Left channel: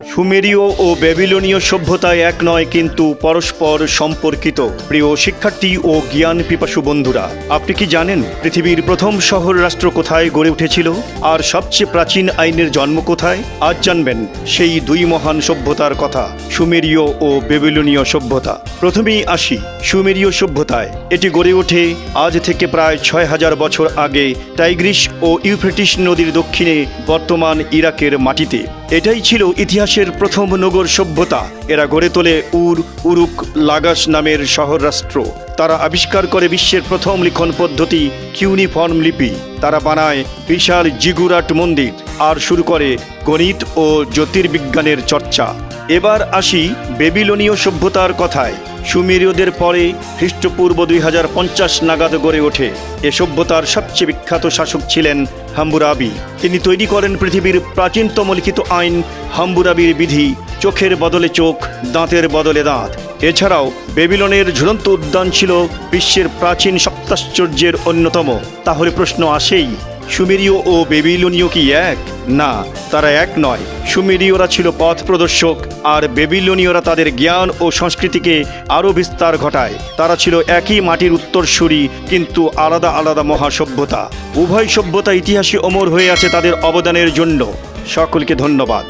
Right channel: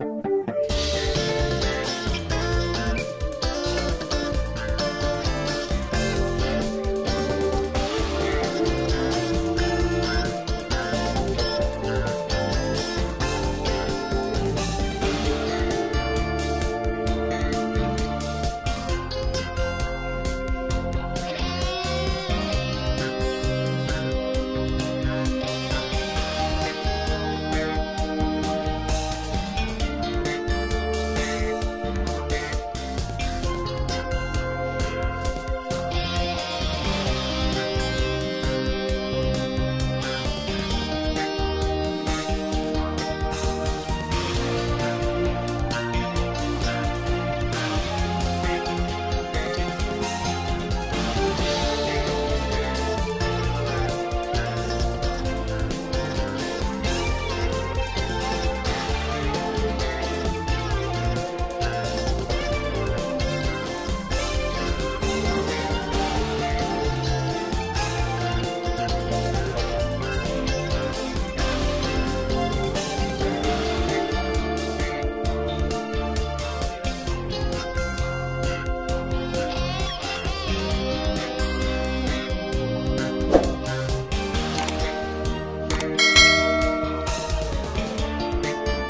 সুমেরীয় ও ব্যাবিলনীয় সভ্যতায় এক নয়, কিন্তু পরস্পর সম্পর্কিত। প্রিয় শিক্ষার্থী ও জ্ঞান পিপাসু বন্ধুরা, আপনি কি জানেন পৃথিবীর প্রথম শহর রাষ্ট্র কোথায় গড়ে উঠেছিল আর সবচেয়ে প্রাচীন আইনের জন্ম কোথায়? আজ জানবেন সেই দুই মহান সভ্যতার কথা, সুমেরীয় ও ব্যাবিলনীয় সভ্যতা। প্রথমেই আসি সুমেরীয় সভ্যতায়। এটি গড়ে ওঠে আজ থেকে প্রায় ৬,০০০ বছর আগে টাইগ্রিস ও ইউফ্রেটিস নদীর দক্ষিণে বর্তমান ইরাকের মাটিতে। এটাই ছিল ইতিহাসের প্রথম নগর সভ্যতা। এরা গড়ে তোলে উরুক লাগাস নামের শহর রাষ্ট্র। তারা আবিষ্কার করে বিশ্বের প্রথম লিখন পদ্ধতি কিউনিফর্ম লিপি। তারা বানায় বিশাল জিগুরাট মন্দির আর শুরু করে গণিত ও জ্যোতির্বিজ্ঞানের চর্চা। এবার আসি ব্যাবিলনীয় সভ্যতার কথায়। সুমেরীয়দের পরে খ্রিস্টপূর্ব ২০৫০ নাগাদ গড়ে ওঠে। এ সভ্যতার সবচেয়ে বিখ্যাত শাসক ছিলেন হাম্মুরাবি। তিনি তৈরি করেন পৃথিবীর প্রাচীনতম লিখিত আইন হাম্মুরাবির বিধি, চোখের বদলে চোখ, দাঁতের বদলে দাঁত। এছাড়াও ব্যাবিলনের ঝুলন্ত উদ্যান ছিল বিশ্বের প্রাচীন সপ্তাশ্চর্যের অন্যতম। তাহলে প্রশ্ন আসেই, সুমেরীয় ও ব্যাবিলনীয় কি এক? না, তারা এক নয়। সুমেরীয়রা ছিল পথ প্রদর্শক, আর ব্যাবিলনীয়রা তাদের জ্ঞান ও সংস্কৃতিকে আরও বিস্তার ঘটায়। তারা ছিল একই মাটির উত্তরসূরি, কিন্তু আলাদা আলাদা মহাসভ্যতা। উভয় সভ্যতা ইতিহাসে অমর হয়ে আছে তাদের অবদানের জন্য। সকলকে ধন্যবাদ।